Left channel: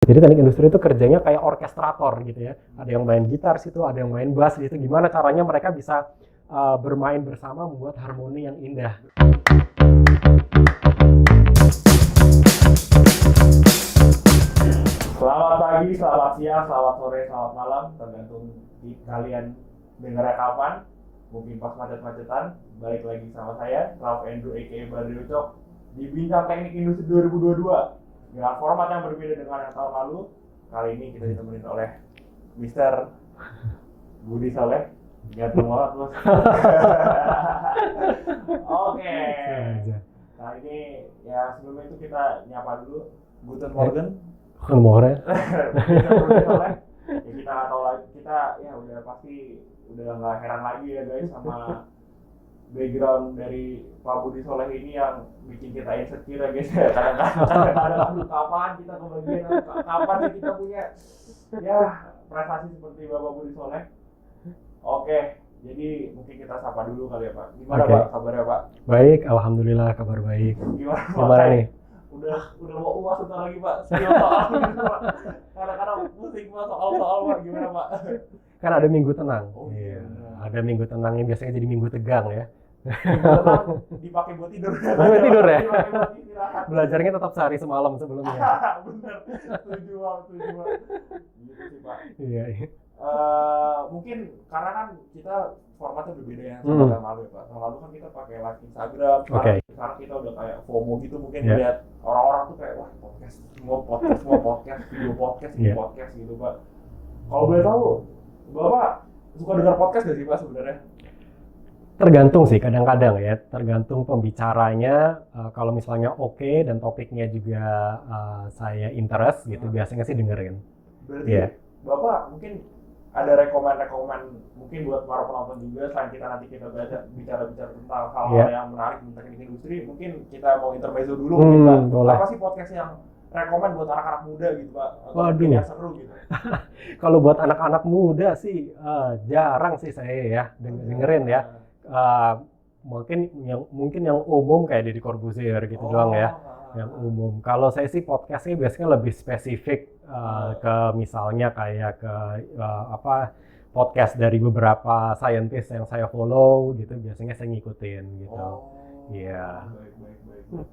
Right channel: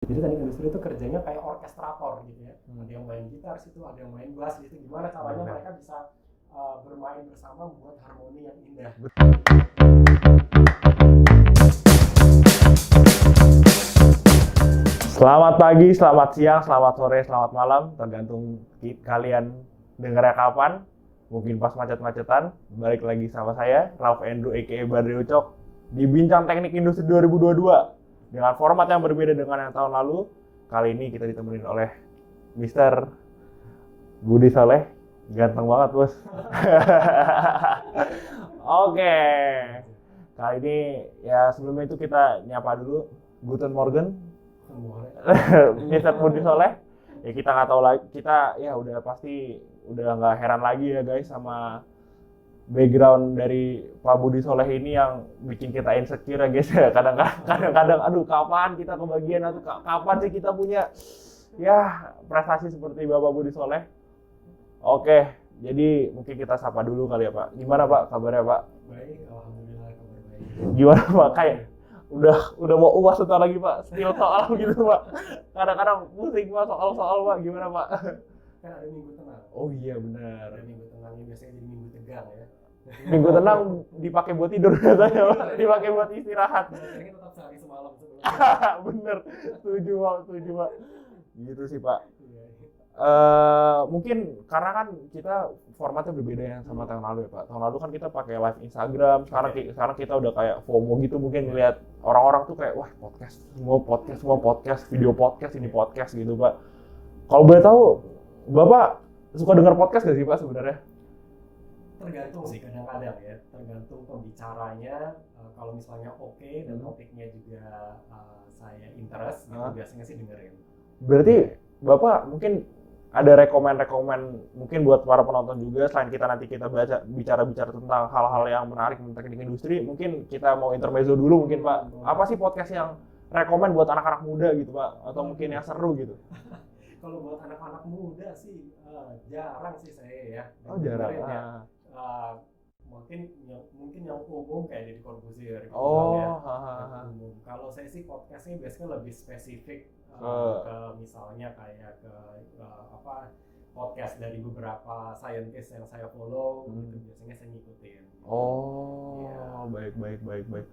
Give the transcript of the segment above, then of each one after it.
Jadi teknik industri itu kerjanya kayak orkestrator gitu ya. Ada yang main gitar situ, ada yang main bass gitu. Gimana caranya mereka bisa bermain bersama membuat harmoni yang indah. Selamat pagi, selamat siang, selamat sore, selamat malam, tergantung kalian dengarnya kapan. Mungkin pas macet-macetan. Balik lagi sama saya, Rauf Endro aka Badri Ucok di Bincang Teknik Industri 2022 dengan format yang berbeda dengan yang tahun lalu. Kali ini kita ditemenin oleh Mr. Budi Soleh. Ganteng banget, Bos. Oke. Kali ini ya sebelumnya itu kita nyapa dulu. Guten Morgen. Mr. Budi Soleh. Ya kita nggak tahu lagi, kita ya udah pasti udah nggak heran lagi ya guys sama background dari Pak Budi Soleh ini yang bikin kita insecure ya guys. Kadang-kadang aduh kapan kita kebagian atau kapan sih kita punya ya prestasi seperti Bapak Budi Soleh. Oke, jadi mungkin kita sapa dulu kali ya Pak. Gimana Pak kabarnya Pak? Baik, alhamdulillah kabar baik. Gimana Pak? Baik. Udah mau UAS sebentar lagi Pak. Skill soal gitu Pak. Kadang-kadang pusing Pak soal-soal Pak. Gimana Pak? Kan ada minggu tenang. Oh iya benar. Ada minggu tenang yang biasanya jadi minggu tegang ya. Minggu tenang dipakai buat tidur. Tidur ya? Dipakai buat istirahat. Belajarnya tetap sehari semalam sebelumnya. Bener. Setuju Pak. Gitu sih Pak. Iya. Mungkin karena kan kita formatnya berbeda ya sama tahun lalu ya Pak. Tahun lalu kan kita pakai live Instagram, sekarang kita udah kayak FOMO gitu mungkin lihat orang-orang tuh kayak wah semua podcast, video podcast, ini podcast gitu Pak. Kalau boleh tahu, Bapak suka dengar podcast nggak sih Pak sebenarnya? Tergantung sih kadang-kadang ya, tergantung pembicaranya. Kalau misalnya oke dan topiknya juga saya interest gitu, biasanya sih dengerin. Berarti Bapak mungkin ada rekomen mungkin buat para penonton juga, selain kita nanti kita bicara tentang hal-hal yang menarik tentang teknik industri, mungkin kita mau intermezzo dulu mungkin Pak. Boleh. Apa sih podcast yang rekomen buat anak-anak muda gitu Pak, atau mungkin yang seru gitu? Kalau buat anak-anak muda sih jarang sih saya ya dengerin ya. Mungkin yang umum kayak Deddy Corbuzier gitu doang ya, yang umum. Kalau saya sih podcastnya biasanya lebih spesifik ke misalnya kayak ke podcast dari beberapa scientist yang saya follow gitu, biasanya saya ngikutin gitu. Baik.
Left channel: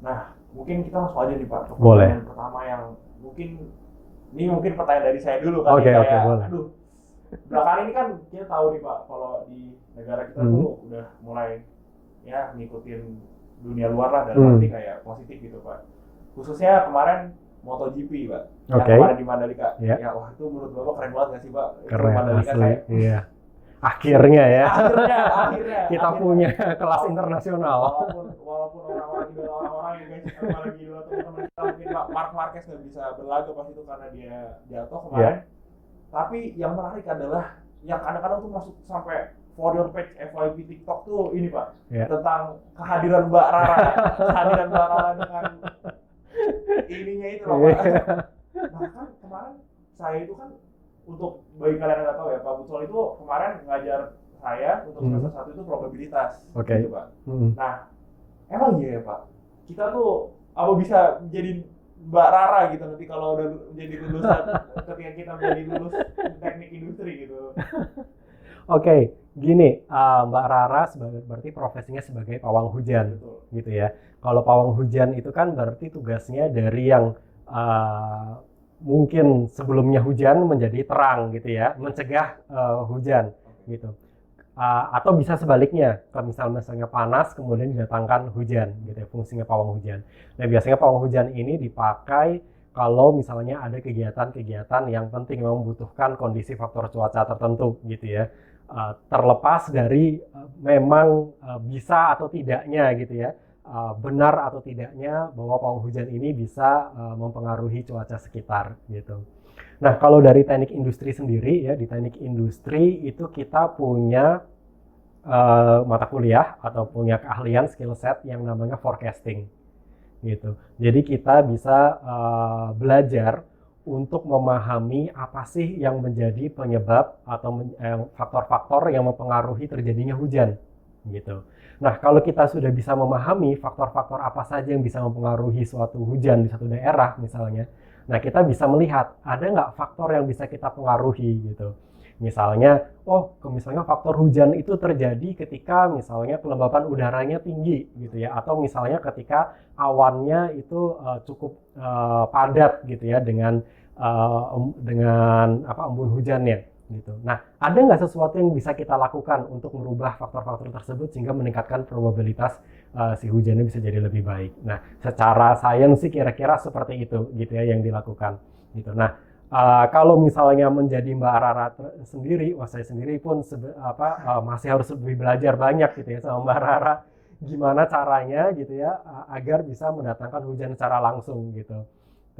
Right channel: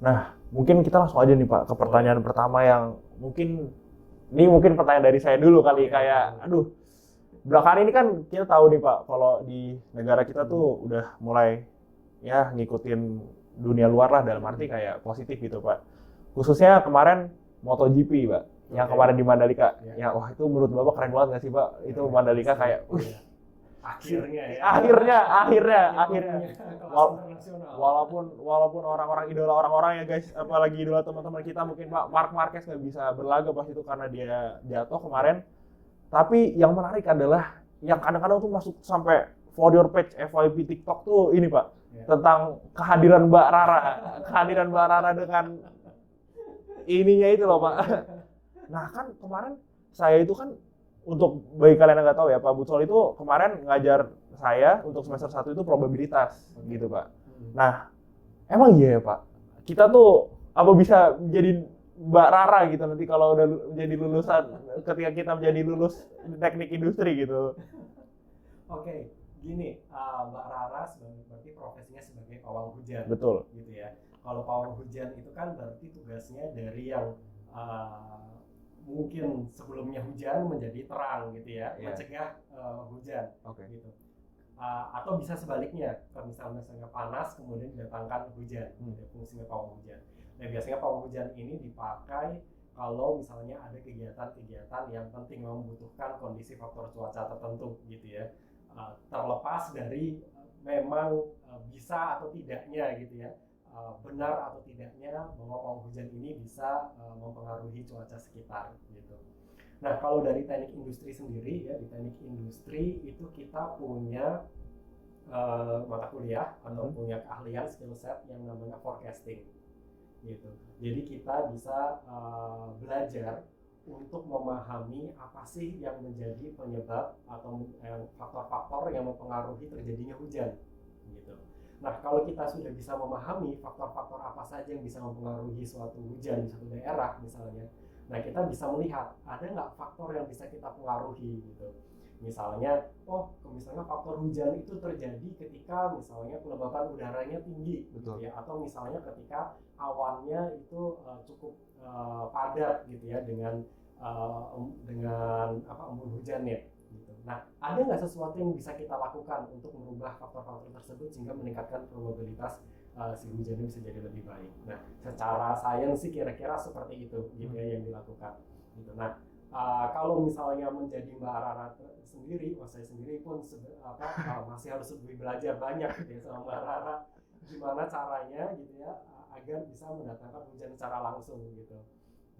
Nah, mungkin kita langsung aja nih Pak ke pertanyaan pertama yang mungkin pertanyaan dari saya dulu kali aduh. Belakangan ini kan kita tahu nih Pak, kalau di negara kita tuh udah mulai ya ngikutin dunia luar lah dalam arti kayak positif gitu Pak. Khususnya kemarin MotoGP Pak, yang kemarin di Mandalika. Ya wah itu menurut Bapak keren banget nggak sih Pak? Keren, itu Mandalika asli, kayak akhirnya akhirnya kita punya kelas internasional. Walaupun idola orang-orang ya guys, apalagi idola teman-teman kita mungkin Pak Marc Marquez nggak bisa berlaga pas itu karena dia jatuh kemarin. Tapi yang menarik adalah yang kadang-kadang tuh masuk sampai for your page FYP TikTok tuh ini Pak, tentang kehadiran Mbak Rara dengan ininya itu loh Pak. Nah kan kemarin saya itu kan, untuk bagi kalian yang nggak tahu ya, Pak Butsol itu kemarin ngajar saya untuk semester 1 itu probabilitas gitu Pak. Nah emang iya ya Pak, kita tuh apa bisa jadi Mbak Rara gitu nanti kalau udah menjadi lulusan ketika kita menjadi lulus teknik industri gitu. Oke, gini, Mbak Rara berarti profesinya sebagai pawang hujan. Betul. Gitu ya. Kalau pawang hujan itu kan berarti tugasnya dari yang mungkin sebelumnya hujan menjadi terang gitu ya, mencegah hujan gitu. Atau bisa sebaliknya, kalau misalnya panas kemudian didatangkan hujan gitu ya, fungsinya pawang hujan. Nah biasanya pawang hujan ini dipakai kalau misalnya ada kegiatan-kegiatan yang penting memang membutuhkan kondisi faktor cuaca tertentu gitu ya. Terlepas dari memang bisa atau tidaknya gitu ya, benar atau tidaknya bahwa pawang hujan ini bisa mempengaruhi cuaca sekitar gitu. Nah, kalau dari teknik industri sendiri ya, di teknik industri itu kita punya mata kuliah atau punya keahlian skill set yang namanya forecasting gitu. Jadi kita bisa belajar untuk memahami apa sih yang menjadi penyebab atau faktor-faktor yang mempengaruhi terjadinya hujan gitu. Nah, kalau kita sudah bisa memahami faktor-faktor apa saja yang bisa mempengaruhi suatu hujan di satu daerah misalnya, Nah, kita bisa melihat ada nggak faktor yang bisa kita pengaruhi gitu. Misalnya, misalnya faktor hujan itu terjadi ketika misalnya kelembapan udaranya tinggi gitu ya, atau misalnya ketika awannya itu cukup padat gitu ya dengan embun hujannya gitu. Nah, ada nggak sesuatu yang bisa kita lakukan untuk merubah faktor-faktor tersebut sehingga meningkatkan probabilitas si hujannya bisa jadi lebih baik. Nah, secara sains sih kira-kira seperti itu gitu ya yang dilakukan gitu. Nah, kalau misalnya menjadi Mbak Rara sendiri, saya sendiri pun masih harus lebih belajar banyak gitu ya sama Mbak Rara, gimana caranya gitu ya agar bisa mendatangkan hujan secara langsung gitu.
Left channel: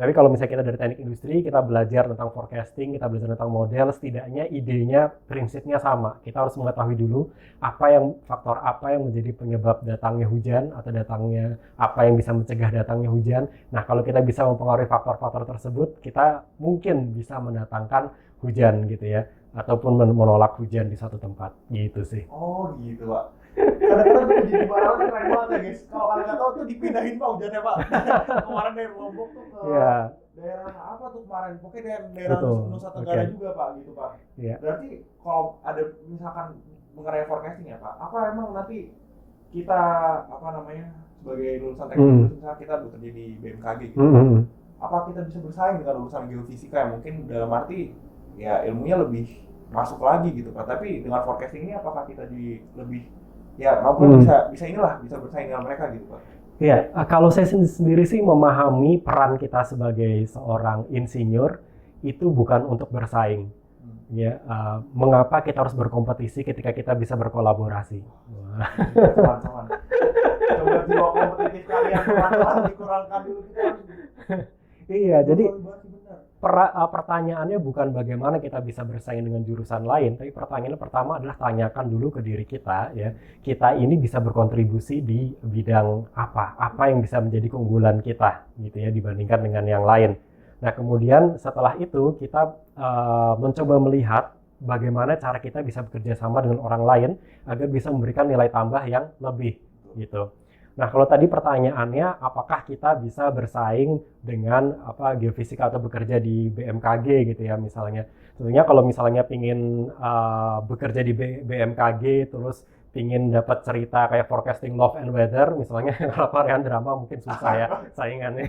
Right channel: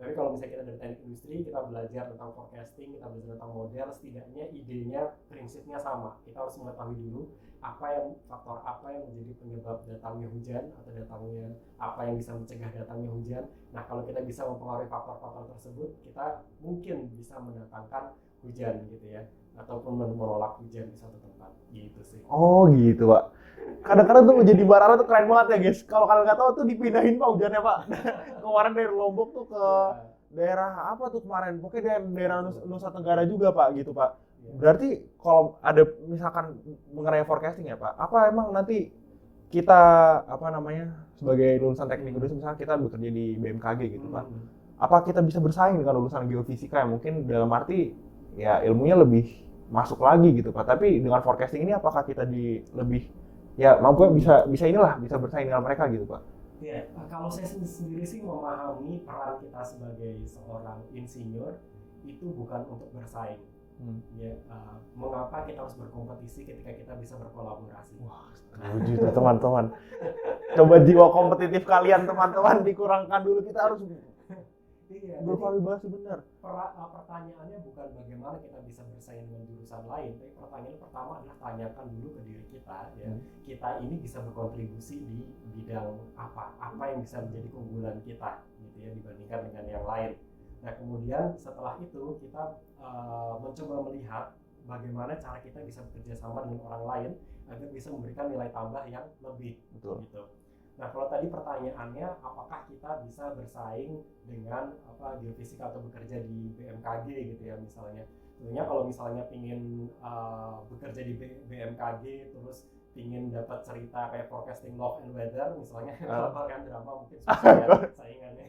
Tapi kalau misalnya kita dari teknik industri, kita belajar tentang forecasting, kita belajar tentang model, setidaknya idenya, prinsipnya sama. Kita harus mengetahui dulu faktor apa yang menjadi penyebab datangnya hujan atau apa yang bisa mencegah datangnya hujan. Nah, kalau kita bisa mempengaruhi faktor-faktor tersebut, kita mungkin bisa mendatangkan hujan gitu ya, ataupun menolak hujan di satu tempat gitu sih. Oh gitu, Pak. Kadang-kadang tuh jadi Barara tuh keren banget ya guys. Kalau kalian nggak tahu tuh dipindahin Pak hujannya Pak. Kemarin dari Lombok tuh ke daerah apa tuh kemarin? Pokoknya daerah Nusa Tenggara juga Pak gitu Pak. Berarti kalau ada misalkan mengenai forecasting ya Pak, apa emang nanti kita sebagai lulusan teknik misalnya kita bekerja di BMKG gitu Pak. Apa kita bisa bersaing dengan lulusan geofisika yang mungkin dalam arti ya ilmunya lebih masuk lagi gitu Pak. Tapi dengan forecasting ini apakah kita lebih mampu bisa bersaing dengan mereka gitu Pak? Iya, kalau saya sendiri sih memahami peran kita sebagai seorang insinyur itu bukan untuk bersaing. Ya, mengapa kita harus berkompetisi ketika kita bisa berkolaborasi? Teman-teman, coba jiwa kompetitif kalian teman-teman dikurangkan dulu, kita harus. Iya, jadi pertanyaannya bukan bagaimana kita bisa bersaing dengan jurusan lain, tapi pertanyaannya pertama adalah tanyakan dulu ke diri kita ya, kita ini bisa berkontribusi di bidang apa yang bisa menjadi keunggulan kita gitu ya dibandingkan dengan yang lain. Nah, kemudian setelah itu kita mencoba melihat bagaimana cara kita bisa bekerja sama dengan orang lain agar bisa memberikan nilai tambah yang lebih gitu. Nah, kalau tadi pertanyaannya apakah kita bisa bersaing dengan geofisika atau bekerja di BMKG gitu ya misalnya. Tentunya kalau misalnya pingin bekerja di BMKG terus pingin dapat cerita kayak forecasting love and weather misalnya kalau varian drama mungkin susah ya saingannya.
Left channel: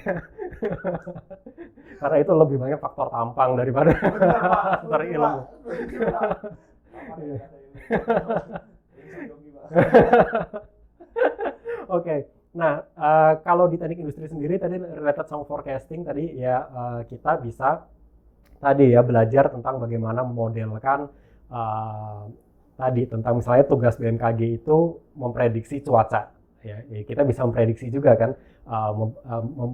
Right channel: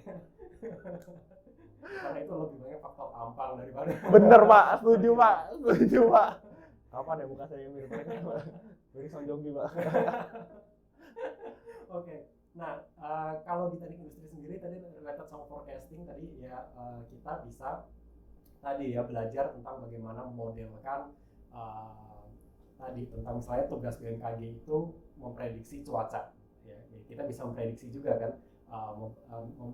Karena itu lebih banyak faktor tampang daripada bener Pak, setuju Pak. Kapan ya bisa ini? Ini Sanjonggi Pak. Oke, nah kalau di teknik industri sendiri tadi related sama forecasting tadi ya kita bisa tadi ya belajar tentang bagaimana memodelkan tadi tentang misalnya tugas BMKG itu memprediksi cuaca ya kita bisa memprediksi juga kan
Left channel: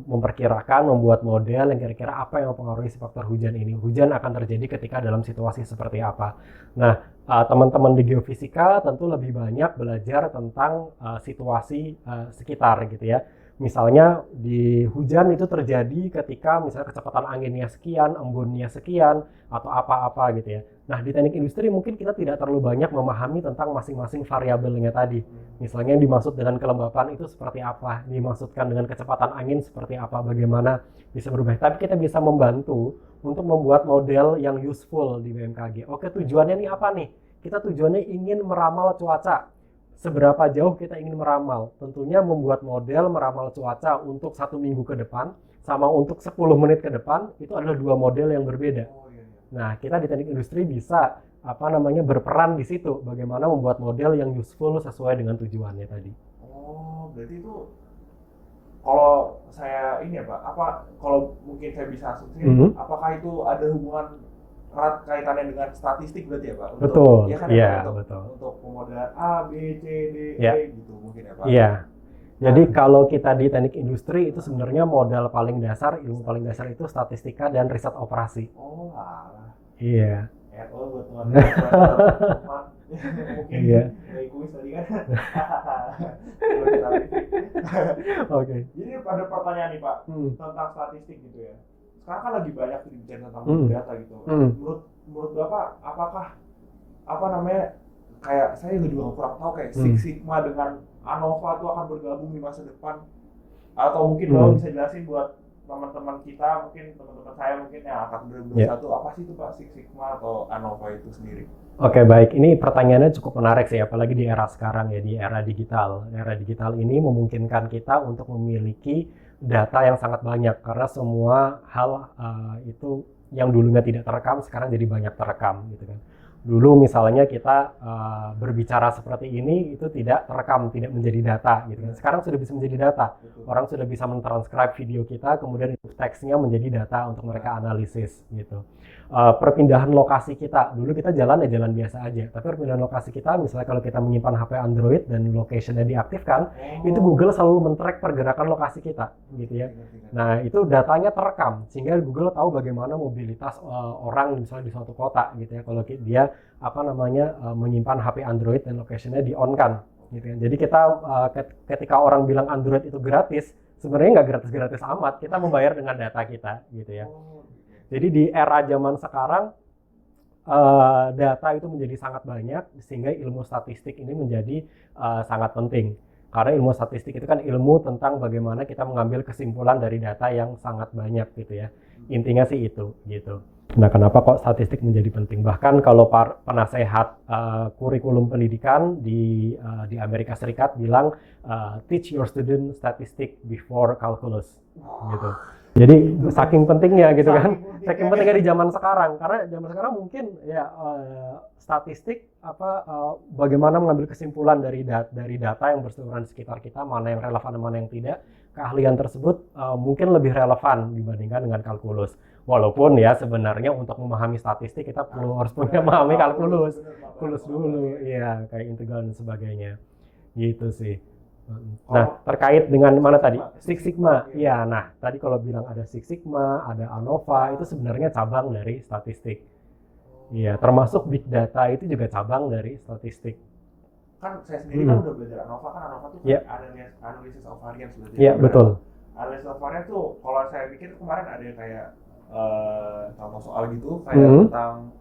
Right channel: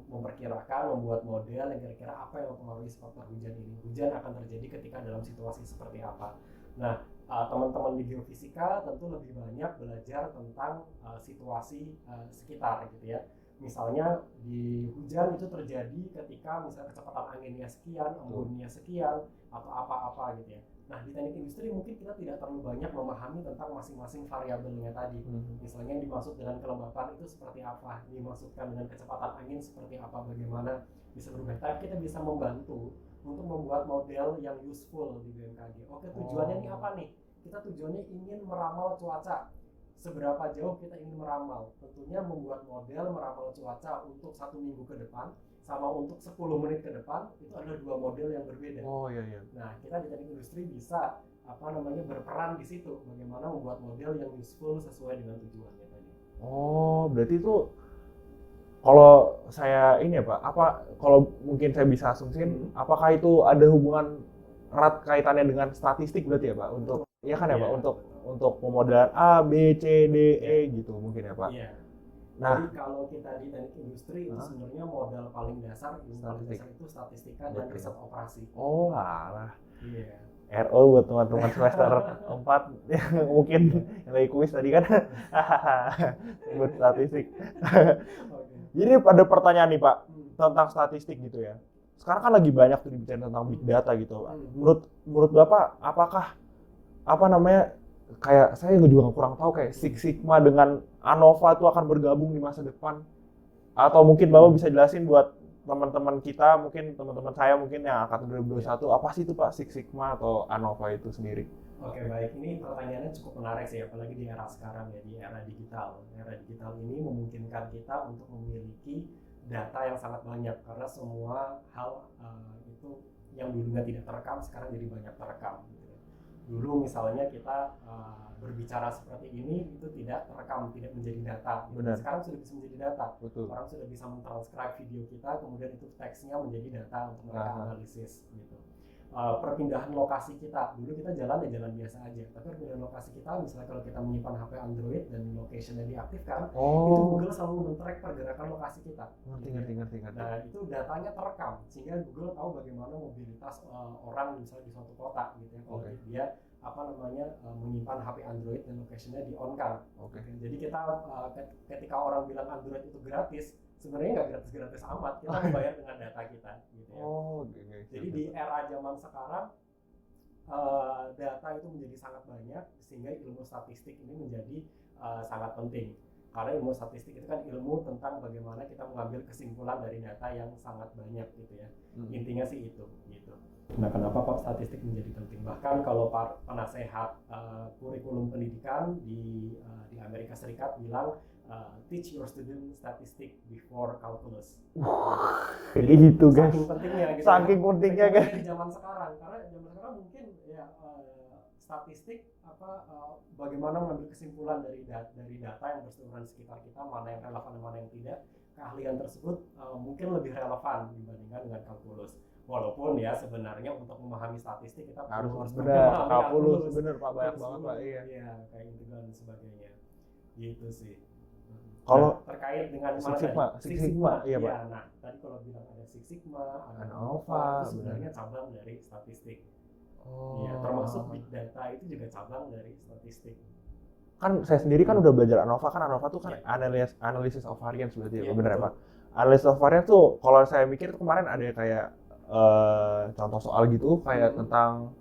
memperkirakan membuat model yang kira-kira apa yang mempengaruhi si faktor hujan ini. Hujan akan terjadi ketika dalam situasi seperti apa. Nah, teman-teman di geofisika tentu lebih banyak belajar tentang situasi sekitar gitu ya. Misalnya di hujan itu terjadi ketika misalnya kecepatan anginnya sekian, embunnya sekian, atau apa-apa gitu ya. Nah, di teknik industri mungkin kita tidak terlalu banyak memahami tentang masing-masing variabelnya tadi. Misalnya yang dimaksud dengan kelembapan itu seperti apa, dimaksudkan dengan kecepatan angin seperti apa, bagaimana bisa berubah. Tapi kita bisa membantu untuk membuat model yang useful di BMKG. Oke, tujuannya nih apa nih? Kita tujuannya ingin meramal cuaca. Seberapa jauh kita ingin meramal? Tentunya membuat model meramal cuaca untuk 1 minggu ke depan sama untuk 10 menit ke depan itu adalah 2 model yang berbeda. Nah, kita di teknik industri bisa berperan di situ bagaimana membuat model yang useful sesuai dengan tujuannya tadi. Oh, berarti itu kalau saya ini ya Pak, kalau mungkin saya bisa asumsiin apakah itu ada hubungan erat kaitannya dengan statistik berarti ya Pak? Betul. Ya kan ya Pak? Untuk pemodelan A, B, C, D, E gitu mungkin ya Pak? Iya. Jadi kalau kita di teknik industri itu sebenarnya modal paling dasar, ilmu paling dasar itu statistika dan riset operasi. Oh alah. Iya. RO buat teman-teman semester 4 mungkin dari kuis tadi kan. Statistik. Oke. Jadi ada pertanyaan nih Pak tentang statistik gitu ya. Sekarang kan lagi banyak tuh dibicarain tentang big data gitu. Menurut Bapak apakah kayak saya juga kurang tahu kayak Six Sigma dengan ANOVA itu akan bergabung di masa depan? Atau mungkin Bapak bisa jelasin buat teman-teman kita, mungkin teman-teman saya mungkin yang angkatan 2021, apa sih itu Pak Six Sigma atau ANOVA itu sendiri? Oke, baik. Ini pertanyaannya cukup menarik sih, apalagi di era sekarang ya, di era digital. Era digital ini memungkinkan kita untuk memiliki data yang sangat banyak karena semua hal itu yang dulunya tidak terekam sekarang jadi banyak terekam gitu kan. Dulu misalnya kita berbicara seperti ini itu tidak terekam, tidak menjadi data gitu. Sekarang sudah bisa menjadi data. Betul. Orang sudah bisa mentranskrip video kita, kemudian itu teksnya menjadi data untuk mereka analisis gitu. Perpindahan lokasi kita, dulu kita jalan ya jalan biasa aja, tapi perpindahan lokasi kita, misalnya kalau kita menyimpan HP Android dan location-nya diaktifkan, itu Google selalu men-track pergerakan lokasi kita gitu ya. Nah, itu datanya terekam sehingga Google tahu bagaimana mobilitas orang misalnya di suatu kota gitu ya, kalau dia menyimpan HP Android dan location-nya di-on-kan gitu ya. Jadi kita ketika orang bilang Android itu gratis, sebenarnya nggak gratis-gratis amat, kita membayar dengan data kita gitu ya. Jadi di era zaman sekarang data itu menjadi sangat banyak sehingga ilmu statistik ini menjadi sangat penting. Karena ilmu statistik itu kan ilmu tentang bagaimana kita mengambil kesimpulan dari data yang sangat banyak gitu ya. Intinya sih itu gitu. Nah, kenapa kok statistik menjadi penting? Bahkan kalau penasehat kurikulum pendidikan di Amerika Serikat bilang teach your student statistics before calculus gitu. Jadi itu saking pentingnya gitu kan. Saking pentingnya di zaman sekarang, karena zaman sekarang mungkin ya statistik bagaimana mengambil kesimpulan dari data yang berseliweran di sekitar kita, mana yang relevan dan mana yang tidak. Keahlian tersebut mungkin lebih relevan dibandingkan dengan kalkulus. Walaupun ya sebenarnya untuk memahami statistik kita harus memahami kalkulus dulu, ya kayak integral dan sebagainya, gitu sih. Nah, terkait dengan mana tadi? Six Sigma. Ya, nah tadi kalau bilang ada Six Sigma, ada ANOVA, itu sebenarnya cabang dari statistik. Iya, termasuk big data itu juga cabang dari statistik. Kan saya sendiri kan udah belajar ANOVA, kan ANOVA tuh kan analysis of variance berarti. Iya, betul. Analysis of variance tuh kalau saya mikir kemarin ada kayak contoh soal gitu kayak tentang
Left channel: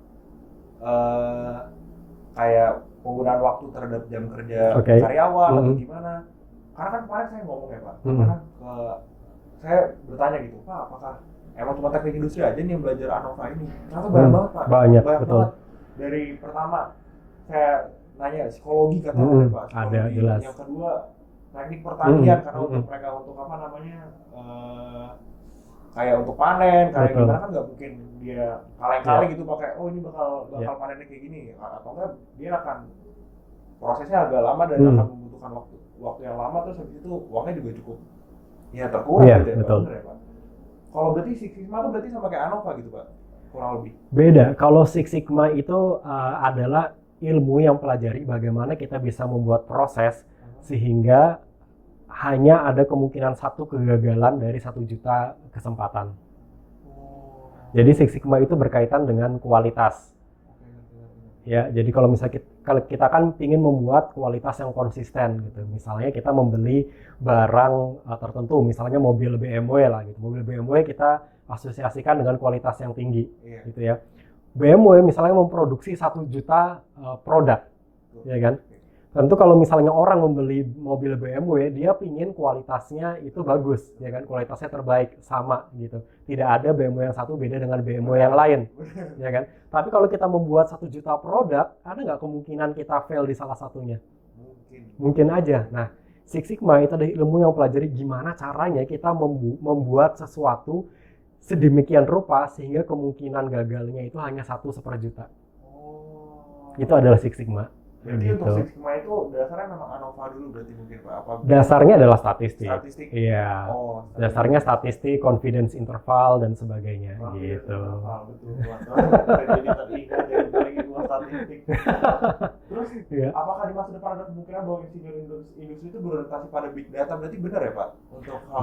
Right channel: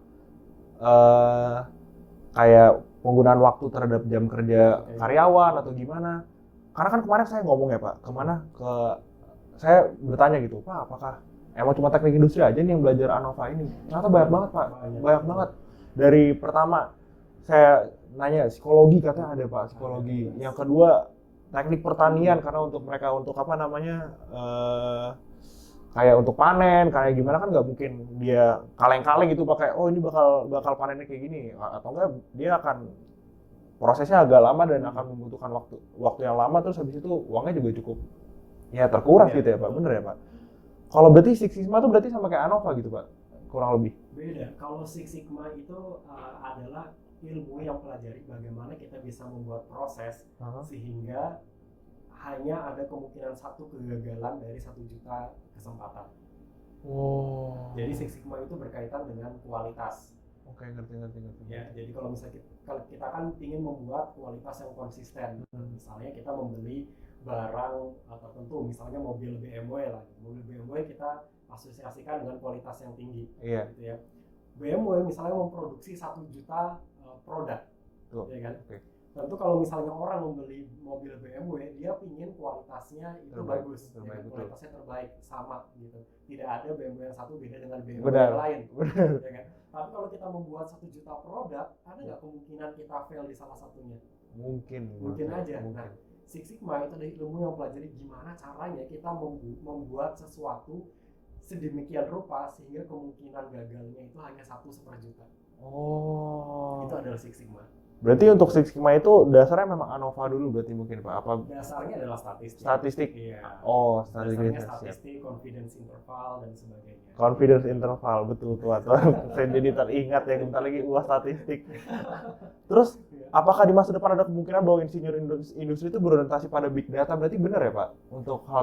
kayak penggunaan waktu terhadap jam kerja karyawan atau gimana. Karena kan kemarin saya ngomong ya Pak, saya bertanya gitu, Pak, apakah emang cuma teknik industri aja nih yang belajar ANOVA ini? Ternyata banyak banget Pak. Banyak banget. Dari pertama saya nanya psikologi katanya ada Pak. Ada, jelas. Yang kedua teknik pertanian karena untuk mereka untuk kayak untuk panen, kayak gimana kan nggak mungkin dia kaleng-kaleng gitu pakai, oh ini bakal panennya kayak gini, atau enggak dia akan prosesnya agak lama dan akan membutuhkan waktu yang lama, terus habis itu uangnya juga cukup ya terkurang gitu ya Pak, bener ya Pak? Kalau berarti Six Sigma itu berarti sama kayak ANOVA gitu Pak, kurang lebih? Beda, kalau Six Sigma itu adalah ilmu yang pelajari bagaimana kita bisa membuat proses sehingga hanya ada kemungkinan satu kegagalan dari 1 juta kesempatan. Jadi Six Sigma itu berkaitan dengan kualitas. Ngerti. Ya, jadi kalau misalnya kita kan ingin membuat kualitas yang konsisten gitu. Misalnya kita membeli barang tertentu, misalnya mobil BMW lah gitu. Mobil BMW kita asosiasikan dengan kualitas yang tinggi gitu ya. BMW misalnya memproduksi 1 juta produk, ya kan? Tentu kalau misalnya orang membeli mobil BMW, dia pingin kualitasnya itu bagus, ya kan? Kualitasnya terbaik, sama gitu. Tidak ada BMW yang satu beda dengan BMW yang lain, ya kan? Tapi kalau kita membuat 1 juta produk, ada nggak kemungkinan kita fail di salah satunya? Mungkin aja. Nah, Six Sigma itu adalah ilmu yang pelajari gimana caranya kita membuat sesuatu sedemikian rupa sehingga kemungkinan gagalnya itu hanya 1/100.000. Itu adalah Six Sigma. Berarti untuk Six Sigma itu dasarnya memang ANOVA dulu berarti mungkin Pak? Dasarnya adalah statistik. Iya. Dasarnya statistik, confidence interval dan sebagainya. Confidence interval, betul Pak. Saya jadi teringat yang bentar lagi buat statistik. Terus apakah di masa depan ada kemungkinan bahwa insinyur industri itu berorientasi pada big data? Berarti benar ya Pak? Untuk hal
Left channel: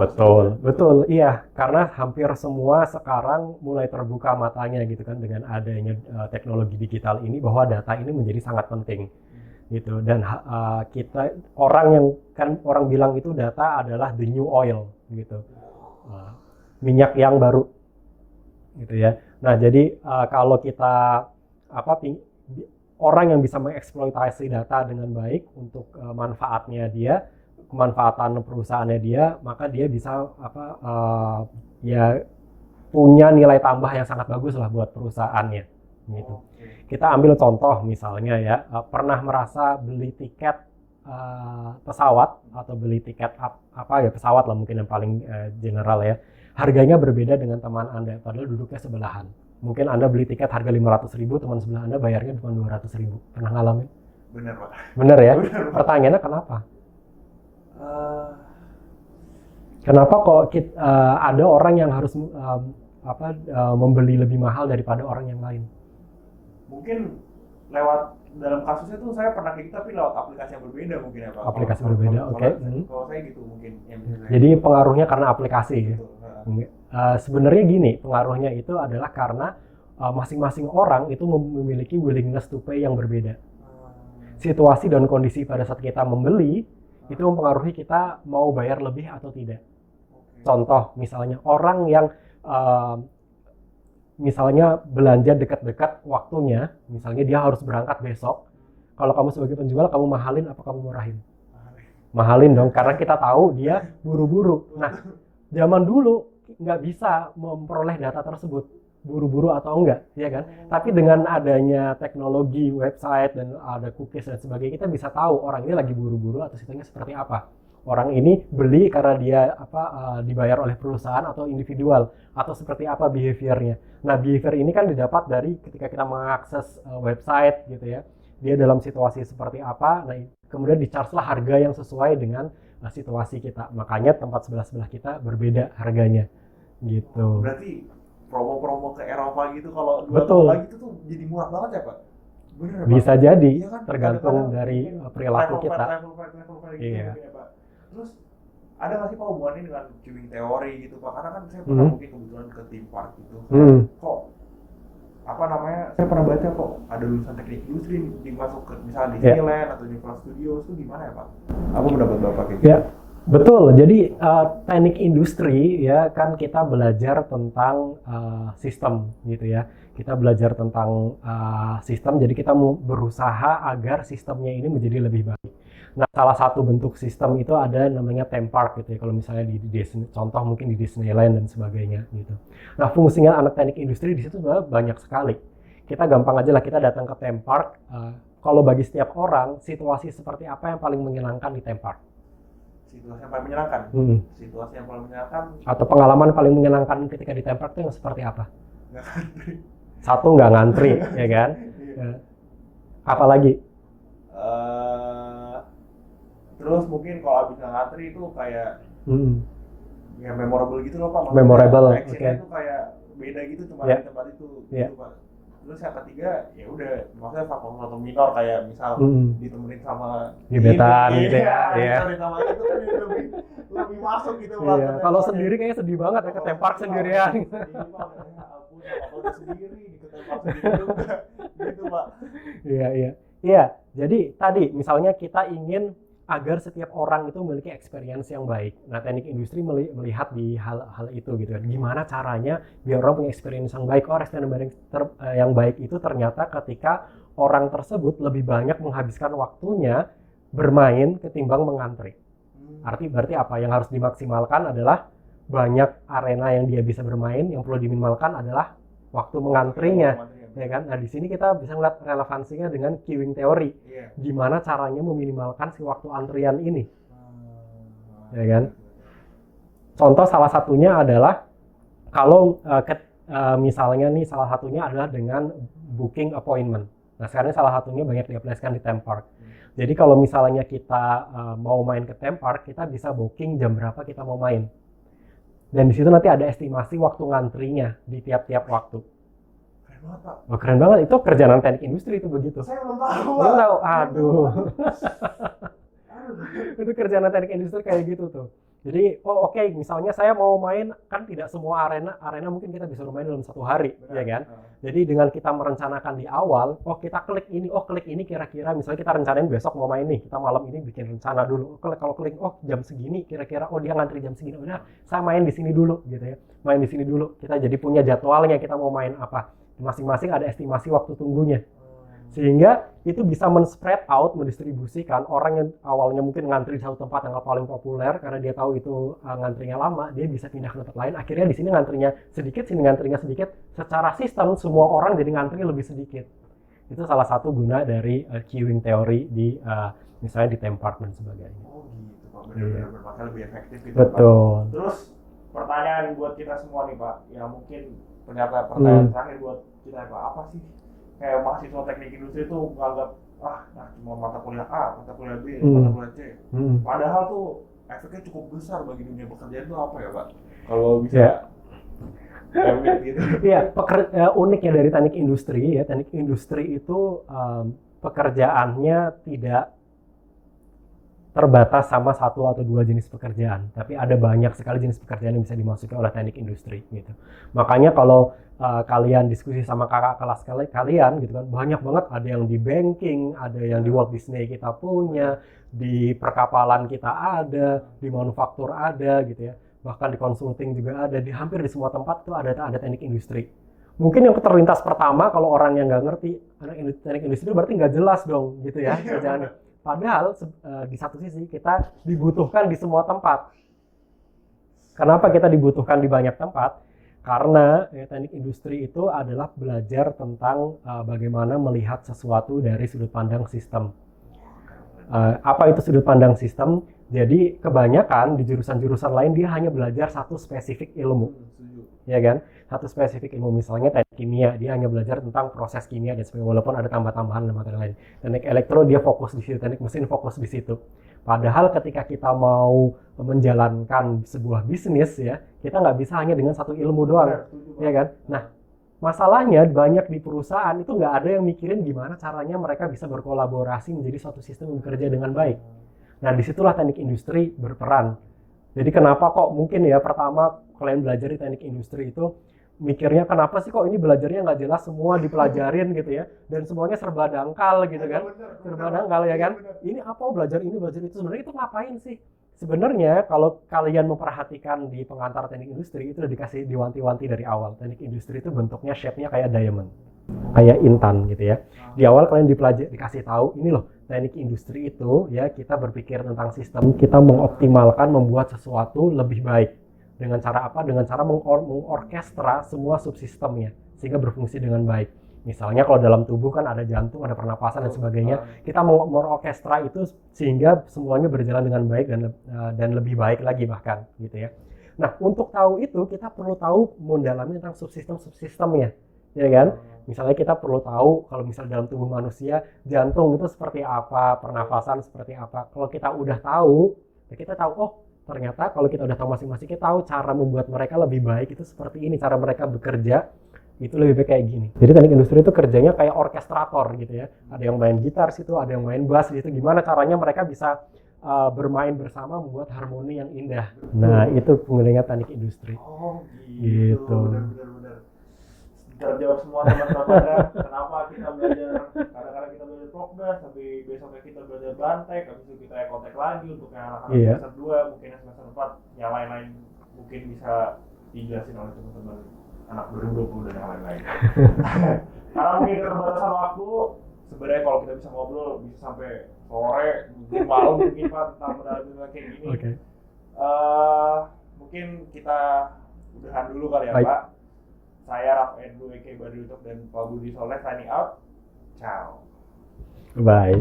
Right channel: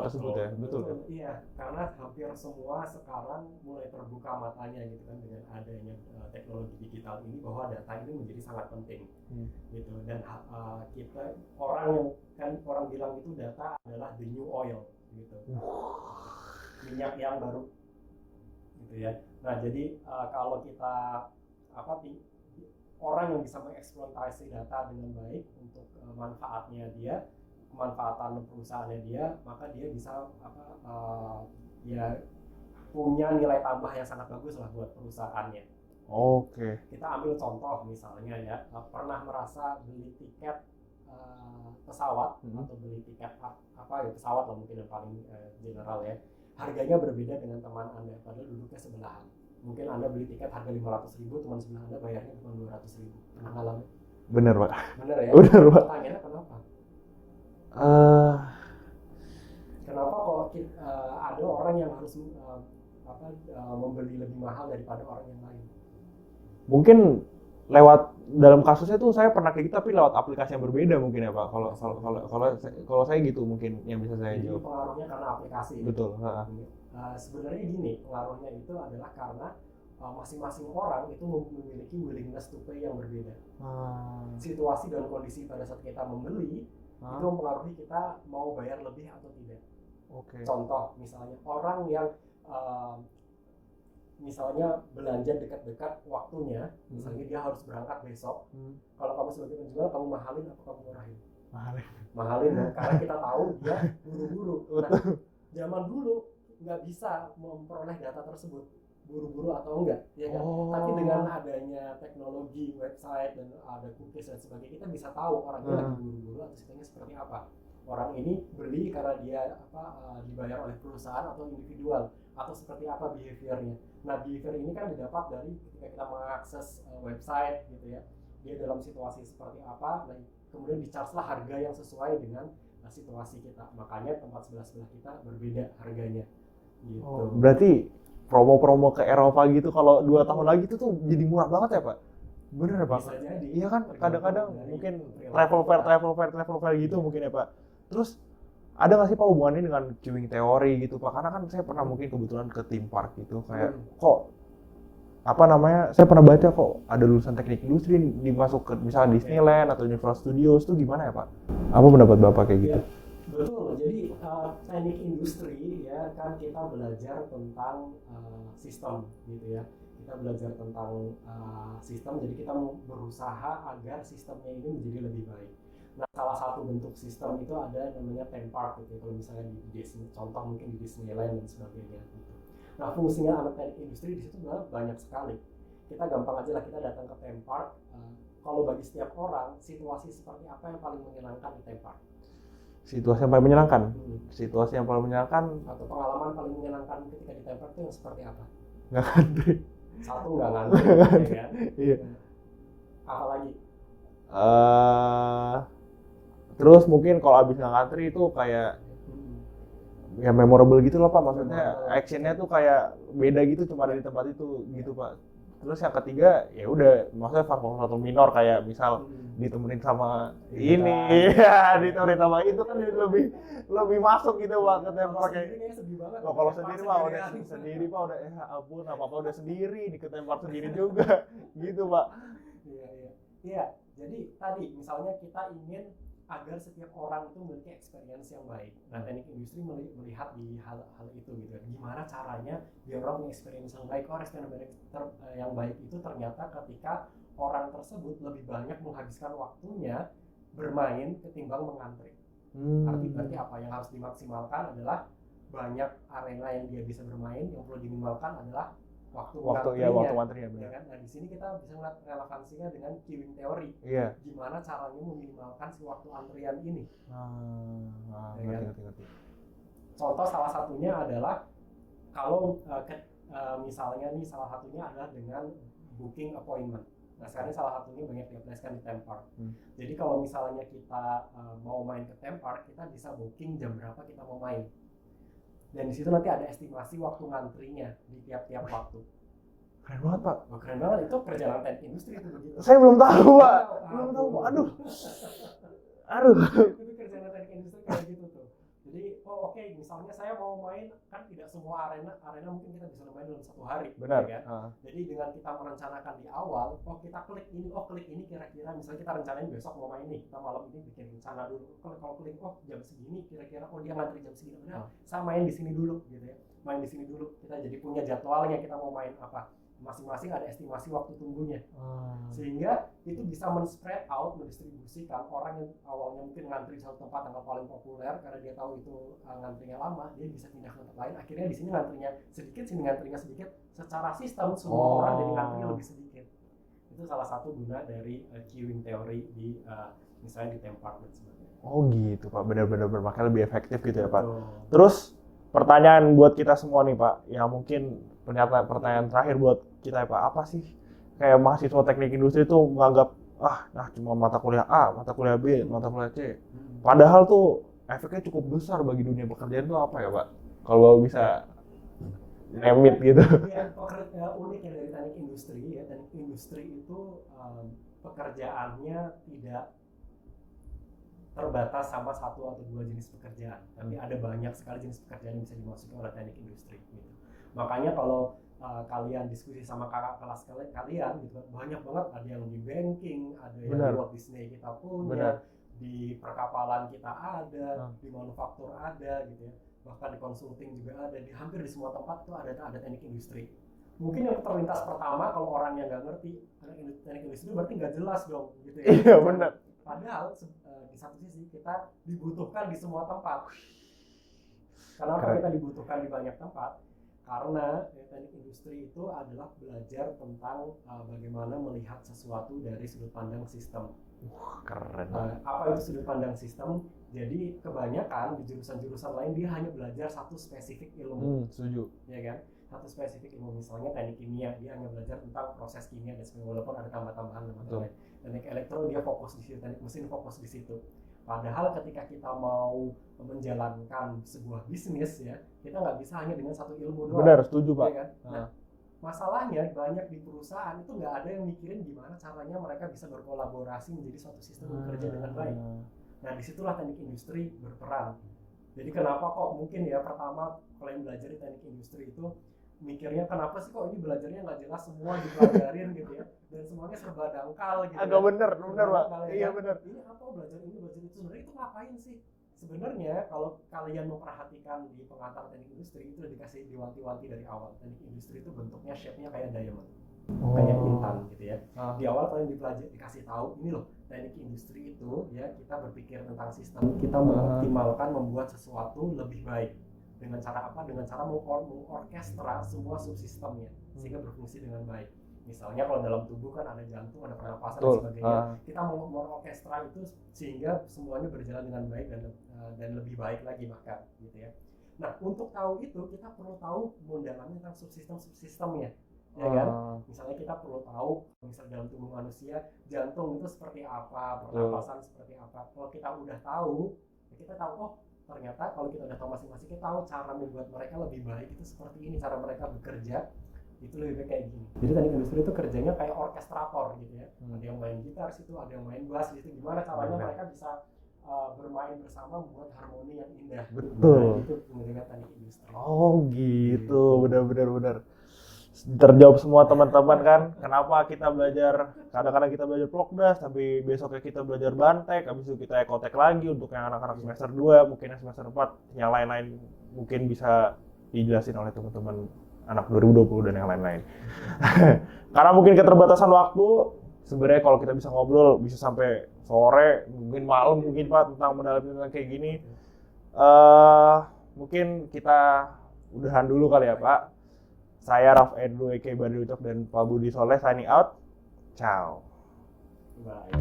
betul. Iya, karena hampir semua sekarang mulai terbuka matanya gitu kan dengan adanya teknologi digital ini bahwa data ini menjadi sangat penting. Gitu, dan orang bilang itu data adalah the new oil gitu, minyak yang baru gitu ya. Nah jadi kalau kita orang yang bisa mengeksploitasi data dengan baik untuk manfaatnya dia, kemanfaatan perusahaannya dia, maka dia bisa ya punya nilai tambah yang sangat bagus lah buat perusahaannya. Gitu. Oke. Kita ambil contoh misalnya ya, pernah merasa beli tiket pesawat atau beli tiket pesawat lah mungkin yang paling general ya. Harganya berbeda dengan teman Anda, padahal duduknya sebelahan. Mungkin Anda beli tiket harga 500.000, teman sebelah Anda bayarnya cuma 200.000. Pernah ngalamin? Bener, Pak. Bener ya? Bener, Pak. Pertanyaannya kenapa? Kenapa kok ada orang yang harus membeli lebih mahal daripada orang yang lain? Mungkin lewat dalam kasusnya tuh saya pernah kayak gitu tapi lewat aplikasi yang berbeda mungkin ya Pak. Aplikasi berbeda, oke. Kalau saya gitu mungkin yang bisa saya. Jadi pengaruhnya karena aplikasi. Betul. Sebenarnya gini, pengaruhnya itu adalah karena masing-masing orang itu memiliki willingness to pay yang berbeda. Situasi dan kondisi pada saat kita membeli itu mempengaruhi kita mau bayar lebih atau tidak. Contoh misalnya orang yang misalnya belanja dekat-dekat waktunya, misalnya dia harus berangkat besok. Kalau kamu sebagai penjual, kamu mahalin apa kamu murahin? Mahalin dong, karena kita tahu dia buru-buru. Nah, zaman dulu nggak bisa memperoleh data tersebut, buru-buru atau enggak, ya kan? Tapi dengan adanya teknologi, website, dan ada cookies dan sebagainya, kita bisa tahu orang ini lagi buru-buru atau situasinya seperti apa. Orang ini beli karena dia dibayar oleh perusahaan atau individual, atau seperti apa behaviornya. Nah, behavior ini kan didapat dari ketika kita mengakses website gitu ya. Dia dalam situasi seperti apa, nah kemudian di-charge lah harga yang sesuai dengan situasi kita. Makanya tempat sebelah-sebelah kita berbeda harganya gitu. Berarti promo-promo ke Eropa gitu kalau 2 tahun lagi itu tuh jadi murah banget ya Pak? Bener Pak? Bisa jadi, iya kan? tergantung dari perilaku kita. Travel fair gitu mungkin ya Pak. Terus ada nggak sih Pak hubungannya dengan queuing teori gitu Pak? Karena kan saya pernah mungkin kebetulan ke theme park gitu. Kok saya pernah baca kok ada lulusan teknik industri dimasuk ke misalnya Disneyland atau Universal Studios itu gimana ya Pak? Apa pendapat Bapak kayak gitu? Ya, betul. Jadi teknik industri ya kan kita belajar tentang sistem gitu ya. Kita belajar tentang sistem, jadi kita mau berusaha agar sistemnya ini menjadi lebih baik. Nah, salah satu bentuk sistem itu ada namanya theme park gitu ya. Kalau misalnya di Disney, contoh mungkin di Disneyland dan sebagainya gitu. Nah, fungsinya anak teknik industri di situ sebenarnya banyak sekali. Kita gampang aja lah, kita datang ke theme park. Kalau bagi setiap orang, situasi seperti apa yang paling menyenangkan di theme park? Situasi yang paling menyenangkan? Situasi yang paling menyenangkan? Atau pengalaman paling menyenangkan ketika di theme park itu yang seperti apa? Nggak ngantri. Satu, nggak ngantri, ya kan? Iya. Apalagi? Terus mungkin kalau abis nggak ngantri itu kayak ya memorable gitu loh Pak. Maksudnya memorable. Actionnya tuh kayak beda gitu cuma di tempat itu gitu Pak. Terus yang ketiga ya udah maksudnya faktor minor kayak misal ditemenin sama gebetan gitu ditemenin sama itu kan lebih masuk gitu Pak. Kalau sendiri kayaknya sedih banget ya ke theme park sendirian. Sendiri Pak udah ampun apa udah sendiri di theme park sendiri juga gitu Pak. Iya. Jadi tadi misalnya kita ingin agar setiap orang itu memiliki experience yang baik. Nah, teknik industri melihat di hal itu gitu kan. Gimana caranya biar orang punya experience yang baik? Experience yang baik itu ternyata ketika orang tersebut lebih banyak menghabiskan waktunya bermain ketimbang mengantri. Berarti apa? Yang harus dimaksimalkan adalah banyak arena yang dia bisa bermain, yang perlu diminimalkan adalah waktu mengantrinya, ya kan? Nah, di sini kita bisa melihat relevansinya dengan queuing teori. Gimana caranya meminimalkan si waktu antrian ini, ya kan? Contoh salah satunya adalah kalau misalnya nih salah satunya adalah dengan booking appointment. Nah, sekarang salah satunya banyak diaplikasikan di theme park. Jadi kalau misalnya kita mau main ke theme park, kita bisa booking jam berapa kita mau main. Dan di situ nanti ada estimasi waktu ngantrinya di tiap-tiap waktu. Keren banget Pak. Keren banget, itu kerjaan teknik industri itu begitu. Saya belum tahu Pak. Belum tahu, aduh. Itu kerjaan teknik industri kayak gitu tuh. Jadi, oke, misalnya saya mau main, kan tidak semua arena mungkin kita bisa bermain dalam 1 hari, ya kan? Jadi dengan kita merencanakan di awal, kita klik ini kira-kira, misalnya kita rencanain besok mau main nih, kita malam ini bikin rencana dulu. Kalau klik, jam segini kira-kira, dia ngantri jam segini, udah saya main di sini dulu, gitu ya. Main di sini dulu, kita jadi punya jadwalnya kita mau main apa. Masing-masing ada estimasi waktu tunggunya. Sehingga itu bisa men-spread out, mendistribusikan orang yang awalnya mungkin ngantri di satu tempat yang paling populer karena dia tahu itu ngantrinya lama, dia bisa pindah ke tempat lain. Akhirnya di sini ngantrinya sedikit, sini ngantrinya sedikit. Secara sistem semua orang jadi ngantri lebih sedikit. Itu salah satu guna dari queuing teori di misalnya di theme park dan sebagainya. Oh gitu Pak, benar-benar makanya lebih efektif gitu ya Pak. Betul. Terus pertanyaan buat kita semua nih Pak, yang mungkin pertanyaan terakhir buat kita ya Pak, apa sih kayak mahasiswa teknik industri itu menganggap cuma mata kuliah A, mata kuliah B, mata kuliah C. Padahal tuh efeknya cukup besar bagi dunia pekerjaan itu apa ya Pak? Kalau bisa emit gitu. Iya, uniknya dari teknik industri ya, teknik industri itu pekerjaannya tidak terbatas sama satu atau dua jenis pekerjaan, tapi ada banyak sekali jenis pekerjaan yang bisa dimasuki oleh teknik industri gitu. Makanya kalau kalian diskusi sama kakak kelas kalian gitu kan, banyak banget, ada yang di banking, ada yang di Walt Disney kita punya, di perkapalan kita ada, di manufaktur ada gitu ya, bahkan di consulting juga ada, di hampir di semua tempat tuh ada teknik industri. Mungkin yang terlintas pertama kalau orang yang nggak ngerti teknik industri berarti nggak jelas dong gitu ya. Padahal di satu sisi kita dibutuhkan di semua tempat. Kenapa kita dibutuhkan di banyak tempat? Karena teknik industri itu adalah belajar tentang bagaimana melihat sesuatu dari sudut pandang sistem. Apa itu sudut pandang sistem? Jadi kebanyakan di jurusan-jurusan lain dia hanya belajar satu spesifik ilmu. Setuju. Ya kan? Satu spesifik ilmu, misalnya teknik kimia, dia hanya belajar tentang proses kimia dan sebagainya, walaupun ada tambah-tambahan materi lain. Teknik elektro dia fokus di situ, teknik mesin fokus di situ. Padahal ketika kita mau menjalankan sebuah bisnis ya, kita nggak bisa hanya dengan satu ilmu doang. Benar, setuju Pak. Ya kan? Nah, masalahnya banyak di perusahaan itu nggak ada yang mikirin gimana caranya mereka bisa berkolaborasi menjadi suatu sistem yang bekerja dengan baik. Nah, disitulah teknik industri berperan. Jadi kenapa kok mungkin ya pertama kalian belajar di teknik industri itu mikirnya kenapa sih kok ini belajarnya nggak jelas, semua dipelajarin gitu ya, dan semuanya serba dangkal gitu kan. Serba dangkal ya kan. Bener. Ini apa belajar ini belajar itu, sebenarnya itu ngapain sih? Sebenarnya kalau kalian memperhatikan di pengantar teknik industri itu udah dikasih diwanti-wanti dari awal. Teknik industri itu bentuknya shape-nya kayak diamond. Kayak intan gitu ya. Di awal kalian dikasih tahu ini loh, teknik industri itu ya kita berpikir tentang sistem, kita mengoptimalkan membuat sesuatu lebih baik. Dengan cara apa? Dengan cara mengorkestra semua subsistemnya sehingga berfungsi dengan baik. Misalnya kalau dalam tubuh kan ada jantung, ada pernapasan dan sebagainya. Kita mengorkestra itu sehingga semuanya berjalan dengan baik dan lebih baik lagi bahkan gitu ya. Nah, untuk tahu itu kita perlu tahu mendalami tentang subsistemnya. Ya kan? Misalnya kita perlu tahu kalau misalnya dalam tubuh manusia jantung itu seperti apa, pernapasan seperti apa. Kalau kita udah tahu, ya kita tahu ternyata kalau kita udah tahu masing-masing, kita tahu cara membuat mereka lebih baik itu seperti ini, cara mereka bekerja itu lebih baik kayak gini. Jadi teknik industri itu kerjanya kayak orkestrator gitu ya. Ada yang main gitar situ, ada yang main bass gitu. Gimana caranya mereka bisa bermain bersama membuat harmoni yang indah. Betul. Nah, itu penggunanya teknik industri. Oh gitu. Benar. Terjawab semua teman-teman kan. Kenapa kita belajar, kadang-kadang kita belajar prokdas, tapi besoknya kita belajar bantek, habis itu kita ekotek lagi untuk yang anak-anak semester 2, mungkin yang semester 4, yang lain-lain mungkin bisa dijelasin oleh teman-teman anak 2020 dan yang lain-lain. Karena mungkin keterbatasan waktu, sebenarnya kalau kita bisa ngobrol bisa sampai sore, malam mungkin Pak tentang mendalami kayak gini. Okay. Mungkin kita udahan dulu kali ya Pak. Saya Raf Andrew Eke Badri Ucok dan Pak Budi Soleh signing out. Ciao. Bye.